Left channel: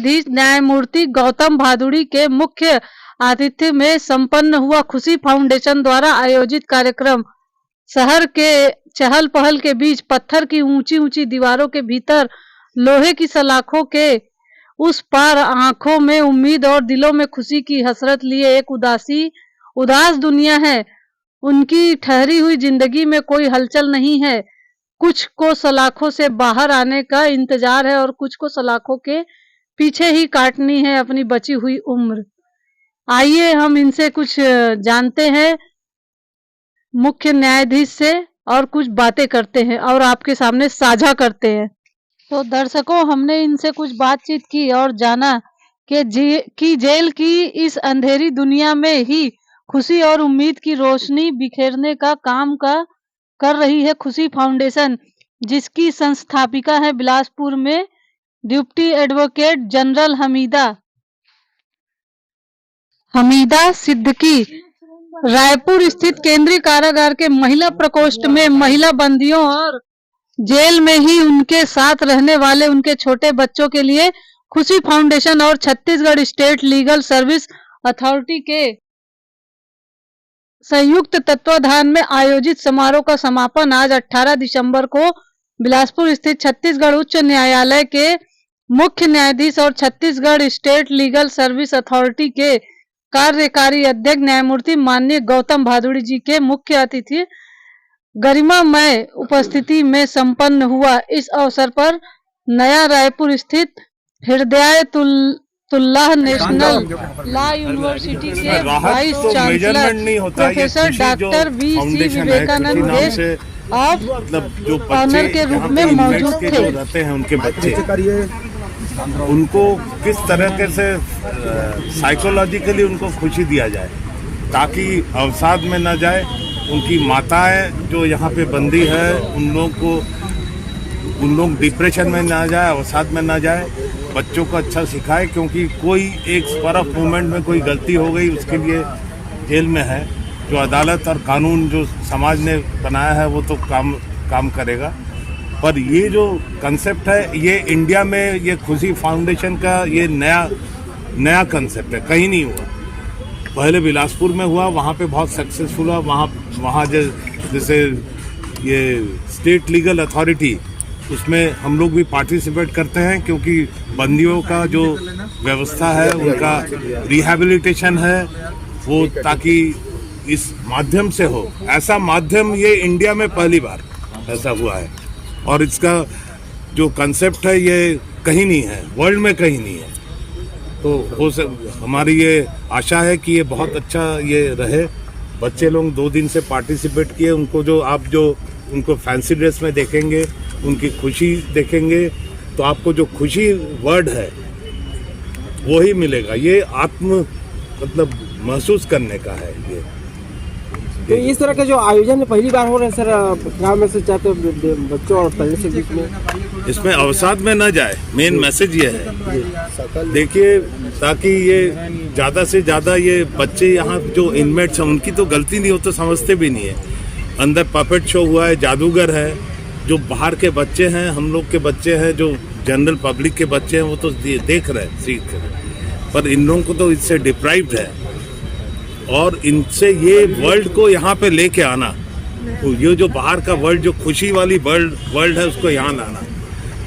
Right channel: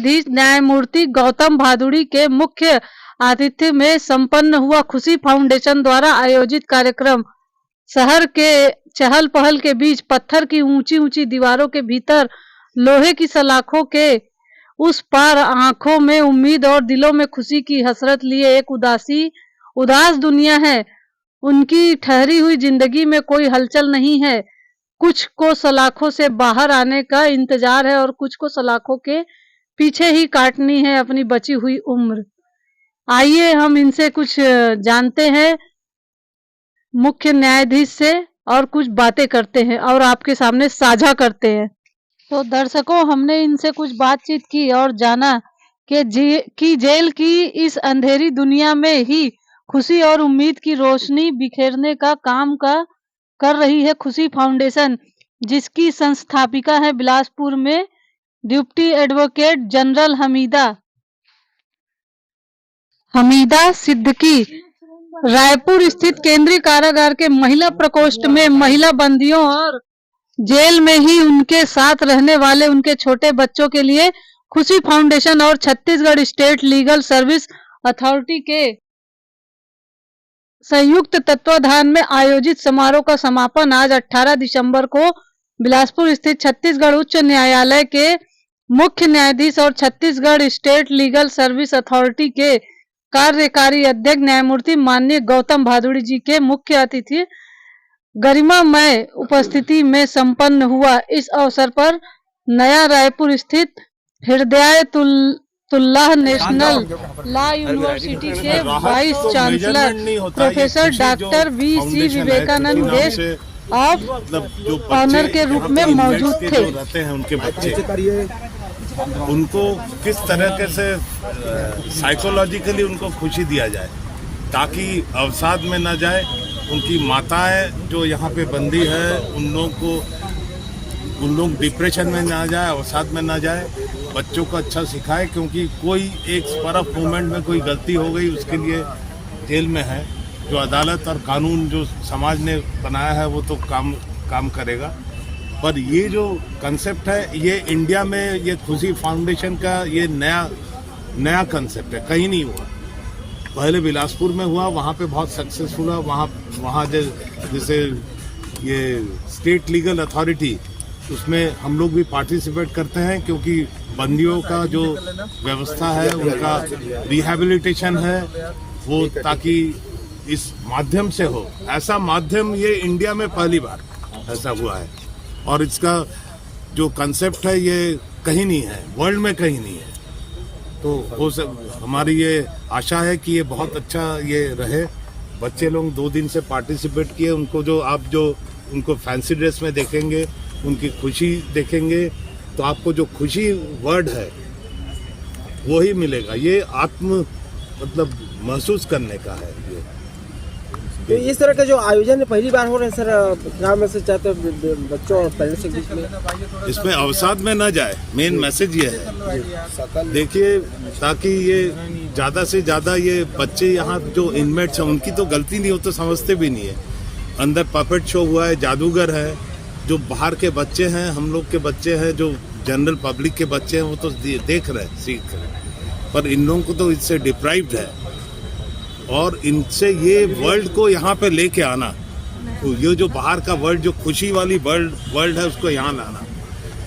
न्यायाधीश न्यायमूर्ति गौतम भादुड़ी के मुख्य आतिथ्य में संपन्न हुआ खुशी फाउंडेशन द्वारा आयोजित कार्यक्रम शहर के चहल पहल के बीच पत्थर की ऊंची ऊंची दीवारों के भीतर लोहे की सलाखों के उस पार आंखों में उम्मीद और दिलों में खुशी की हसरत लिए एक उदास दुनिया है। उनकी ठहरी हुई जिंदगी में कोई हलचल नहीं है। कुछ को सलाखों से बाहर आने का इंतजार है और कुछ को सलाखों के पीछे ही काटनी है अपनी बची हुई उम्र। आइए हम इनसे कुछ जानते हैं मुख्य न्यायाधीश से और कुछ बातें करते हैं और आपके सामने साझा करते हैं। तो दर्शकों, हमने इनसे कुछ बातचीत की और जाना कि जेल की इस अंधेरी दुनिया में ही खुशी और उम्मीद की रोशनी बिखेरने का काम कर रही है खुशी फाउंडेशन, जिसकी संस्थापिका है बिलासपुर में deputy advocate general Hamida Siddiqui. Raipur स्थित केंद्रीय कारागार के महिला प्रकोष्ठ में महिला बंदियों और जेल में ही उनके साथ रहने वाले उनके छोटे बच्चों के लिए खुशी फाउंडेशन और Chhattisgarh state legal service authority के संयुक्त तत्वाधान में आयोजित समारोह का समापन आज 18 दिसंबर को बिलासपुर स्थित छत्तीसगढ़ उच्च न्यायालय के मुख्य न्यायाधीश और Chhattisgarh state legal service authority के कार्यकारी अध्यक्ष न्यायमूर्ति माननीय गौतम भादुड़ी जी के मुख्य अतिथि गरिमामय उपस्थिति में संपन्न हुआ। इस अवसर पर नया रायपुर स्थित हिदायतुल्लाह नेशनल लॉ यूनिवर्सिटी के vice chancellor professor doctor V C. Vivekananda guest of honour के रूप में मौजूद थे। उनके बच्चे उनको किस तरह से साइकोलॉजिकली उनको खुशी दिया जाए ताकि अवसाद में न जाए। उनकी माताएं जो यहाँ पे बंदी है उन लोग डिप्रेशन में ना जाए, अवसाद में ना जाए। बच्चों को अच्छा सिखाए क्योंकि कोई एक स्पर ऑफ मोमेंट में कोई गलती हो गई उसके लिए जेल में है। जो अदालत और कानून जो समाज ने बनाया है वो तो काम करेगा, पर ये जो कंसेप्ट है ये इंडिया में ये खुशी फाउंडेशन का ये नया कंसेप्ट है, कहीं नहीं हुआ। पहले बिलासपुर में हुआ, वहाँ पे बहुत सक्सेसफुल हुआ। वहाँ जैसे ये स्टेट लीगल अथॉरिटी उसमें हम लोग भी पार्टिसिपेट करते हैं क्योंकि बंदियों का जो व्यवस्था है उनका रिहैबिलिटेशन है वो ताकि इस माध्यम से हो। ऐसा माध्यम ये इंडिया में पहली बार ऐसा हुआ है और इसका जो कंसेप्ट है ये कहीं नहीं है, वर्ल्ड में कहीं नहीं है। तो हमारी ये आशा है कि ये बहुत अच्छा ये रहे। बच्चे लोग 2 दिन से पार्टिसिपेट किए, उनको उनको फैंसी ड्रेस में देखेंगे, उनकी खुशी देखेंगे तो आपको जो खुशी वर्ड है वो ही मिलेगा। ये मतलब महसूस करने का है ये। तो इस तरह का जो आयोजन पहली बार हो रहा है सर, क्या मैसेज चाहते हो बच्चों और पेरेंट्स के बीच में? इसमें अवसाद में ना जाए, मेन मैसेज ये है। देखिए ताकि ये ज़्यादा से ज़्यादा ये बच्चे यहाँ जो इनमेट्स हैं उनकी तो गलती नहीं हो तो समझते भी नहीं है। अंदर पपेट शो हुआ है, जादूगर है, जो बाहर के बच्चे हैं, हम लोग के बच्चे हैं, जो जनरल पब्लिक के बच्चे हैं वो तो देख रहे हैं, सीख रहे हैं, पर इन लोगों को तो इससे डिप्राइव्ड है और इनसे ये वर्ल्ड को यहाँ पे लेके आना, तो ये जो बाहर का वर्ल्ड जो खुशी वाली वर्ल्ड है उसको यहाँ लाना,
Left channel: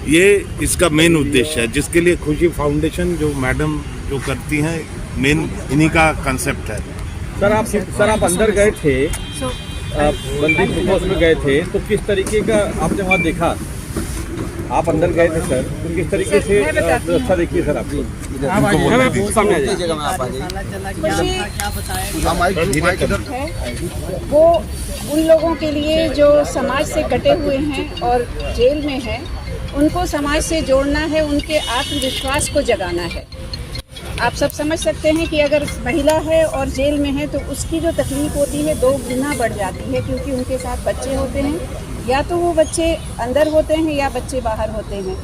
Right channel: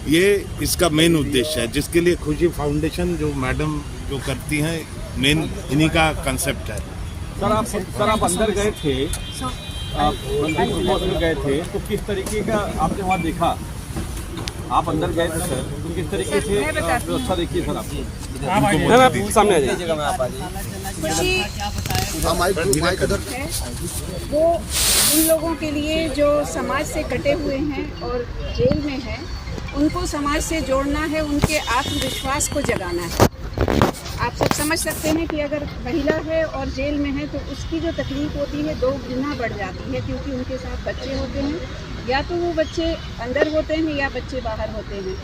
ये इसका मेन उद्देश्य है, जिसके लिए खुशी फाउंडेशन जो मैडम जो करती हैं मेन इन्हीं का कंसेप्ट है। सर आप अंदर गए थे, बंदी प्रकोष्ठ में गए थे, तो किस तरीके का आपने वहाँ देखा? आप अंदर गए थे सर, तो किस तरीके से व्यवस्था देखिए सर आपकी? वो उन लोगों के लिए जो समाज से कटे हुए हैं और जेल में हैं, उनको समाज से जोड़ना है, उनके आत्मविश्वास को जगाना है। आप सब समझ सकते हैं कि अगर महिला है और जेल में है तो उसकी जो तकलीफ होती है 2 गुना बढ़ जाती है, क्योंकि उनके साथ बच्चे होते हैं, या तो वो बच्चे अंदर होते हैं या बच्चे बाहर होते हैं।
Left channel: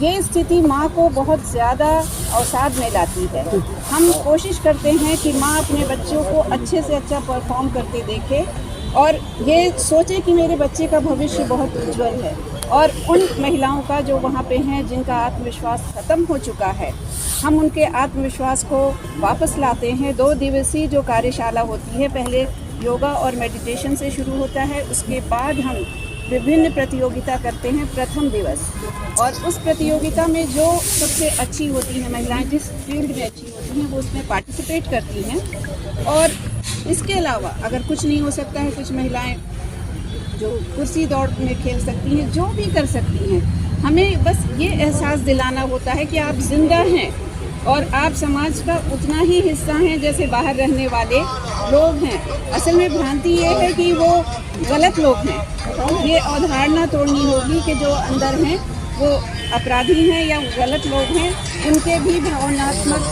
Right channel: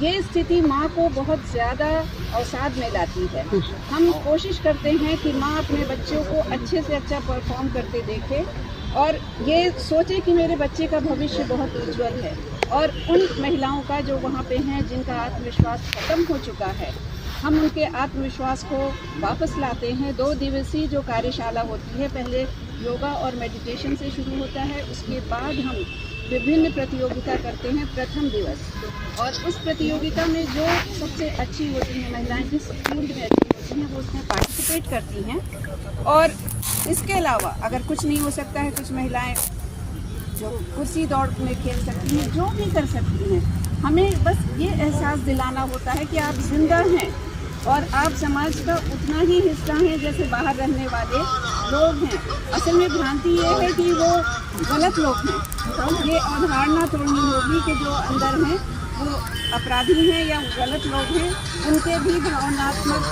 ये स्थिति माँ को बहुत ज़्यादा अवसाद में लाती है। हम कोशिश करते हैं कि माँ अपने बच्चों को अच्छे से अच्छा परफॉर्म करते देखे और ये सोचे कि मेरे बच्चे का भविष्य बहुत उज्जवल है। और उन महिलाओं का जो वहाँ पे हैं जिनका आत्मविश्वास ख़त्म हो चुका है, हम उनके आत्मविश्वास को वापस लाते हैं। 2 दिवसीय जो कार्यशाला होती है, पहले योगा और मेडिटेशन से शुरू होता है, उसके बाद हम विभिन्न प्रतियोगिता करते हैं प्रथम दिवस, और उस प्रतियोगिता में जो सबसे अच्छी होती हैं महिलाएं, जिस फील्ड में अच्छी होती हैं, वो उसमें पार्टिसिपेट करती हैं। और इसके अलावा अगर कुछ नहीं हो सकता है, कुछ महिलाएं जो कुर्सी दौड़ में खेल सकती हैं, जो भी कर सकती हैं। हमें बस ये एहसास दिलाना होता है कि आप जिंदा हैं और आप समाज का उतना ही हिस्सा हैं जैसे बाहर रहने वाले लोग हैं। असल में भ्रांति ये है कि वो गलत लोग हैं। ये अवधारणा तोड़नी होगी कि जो अंदर हैं वो अपराधी हैं या गलत लोग हैं। उनके भी भावनात्मक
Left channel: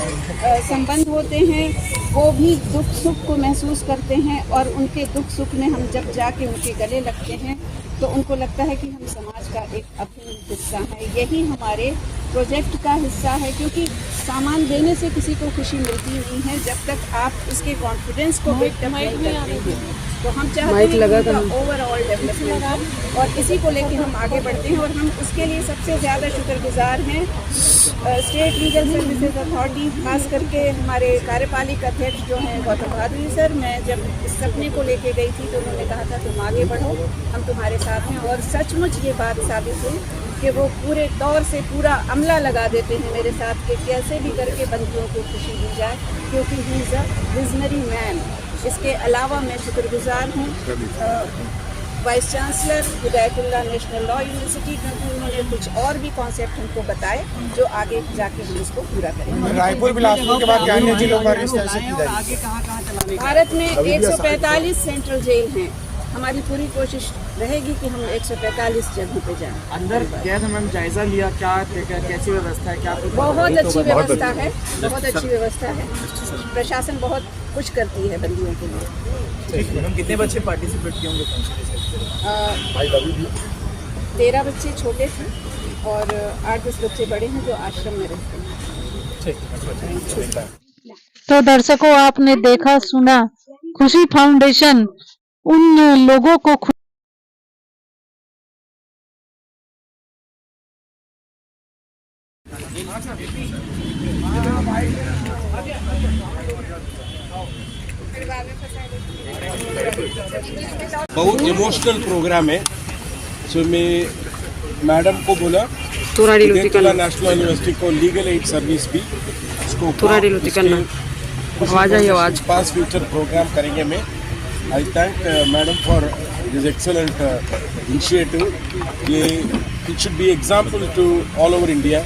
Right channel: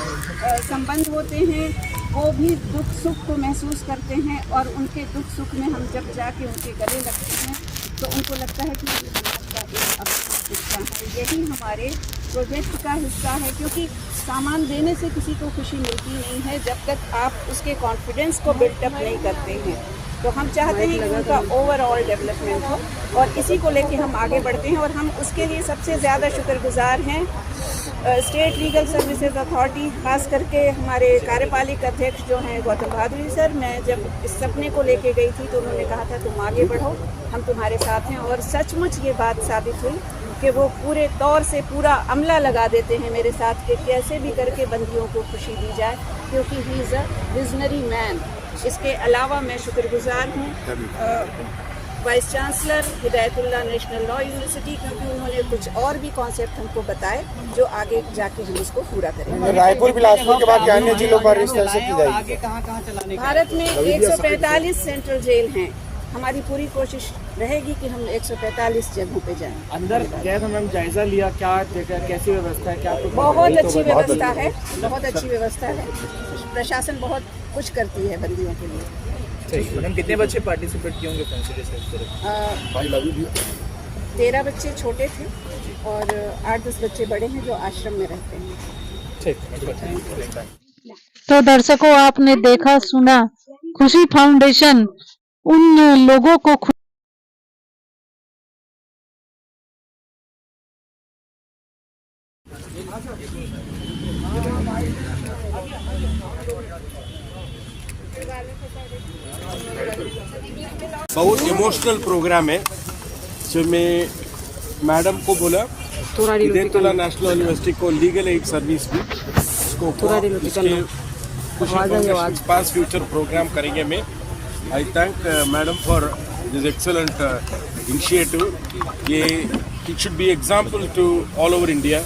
संबंध होते हैं, वो भी दुख सुख को महसूस करते हैं, और उनके दुख सुख में हम जब जाके उनके गले लगते हैं तो उनको लगता है कि ये समाज का एक अपना हिस्सा है। यही हमारे प्रोजेक्ट का हिस्सा है, क्योंकि सामान देने से किसी को खुशी मिलती नहीं है जब तक आप उसके कॉन्फिडेंस को बिल्डअप नहीं करते हैं। तो हम चाहते हैं कि उनका ओवरऑल डेवलपमेंट हो, और इसी को लेके हम आगे बढ़ते हैं। और हम उसके लिए सबसे ज़्यादा शुक्रगुजार हैं स्टेट लीगल सर्विसेज अथॉरिटी, खास करके हमारे कार्यपालिक अध्यक्ष जो हैं गौतम भादुड़ी सर। मैं जब इस सपने को लेके गई थी तो उन्होंने कहा था तुम आगे बढ़ो, हम तुम्हारे साथ हैं, और सचमुच ये बात साबित हुई कि वो पूरे तौर से पूरा अमला लगा देते हैं मेरे साथ कि कैसे भी करके बंदियों को खुशी दी जाए, क्योंकि he is a visionary man. इसके अलावा मैं शुक्रगुजार हूँ vice chancellor Hidayatullah national law university, क्योंकि उन्होंने कुछ और भी कॉन्सेप्ट हमको बताए जो आगे जाके हम इसको पूरा करेंगे। रायपुर बिलासपुर के बाद अन्य जिलों पर इस तरह से की जाएगी। भारत में 145 सेंट्रल जेल हैं। हमारी पूरी कोशिश रहेगी कि हम 145 जगहों पे जाएं। अंदर कैद मैम जायजा लिया, क्या कैसी व्यवस्था है, क्या बहुत अच्छी व्यवस्था है, बहुत अच्छी व्यवस्था है। प्रशासन बहुत कुछ करती है बंदियों के लिए। मैम कितने बच्चे पार्टिसिपेट किए होंगे काउंसिल से? 13 बच्चे छोटे थे और 8-10 बच्चे बड़े हैं जो आश्रम में रहते हैं। तो दर्शकों, आपने देखा सुना, खुशी फाउंडेशन उन लोगों को बहुत इमोशनल प्रोग्राम है। जो मैं मैडम को बोला हिदायतुल्लाह नेशनल यूनिवर्सिटी को लीगल एड सर्विस भी उसको पास फ्यूचर प्रोग्राम करेंगे। मैं I thank madam for this excellent initiative. ये it should be example to all over India.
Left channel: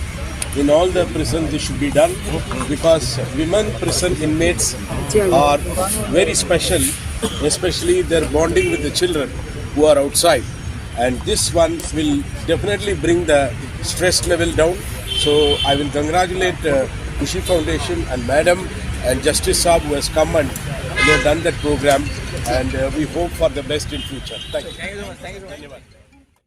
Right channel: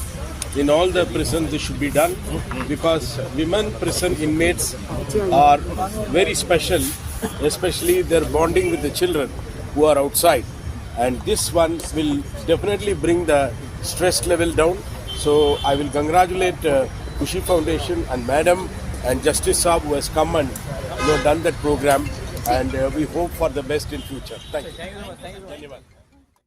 In all the prisons, this should be done because women prison inmates are very special, especially their bonding with the children who are outside. And this one will definitely bring the stress level down. So I will congratulate Kushi Foundation and Madam and Justice Saab who has come and done that program. And we hope for the best in future. Thank you.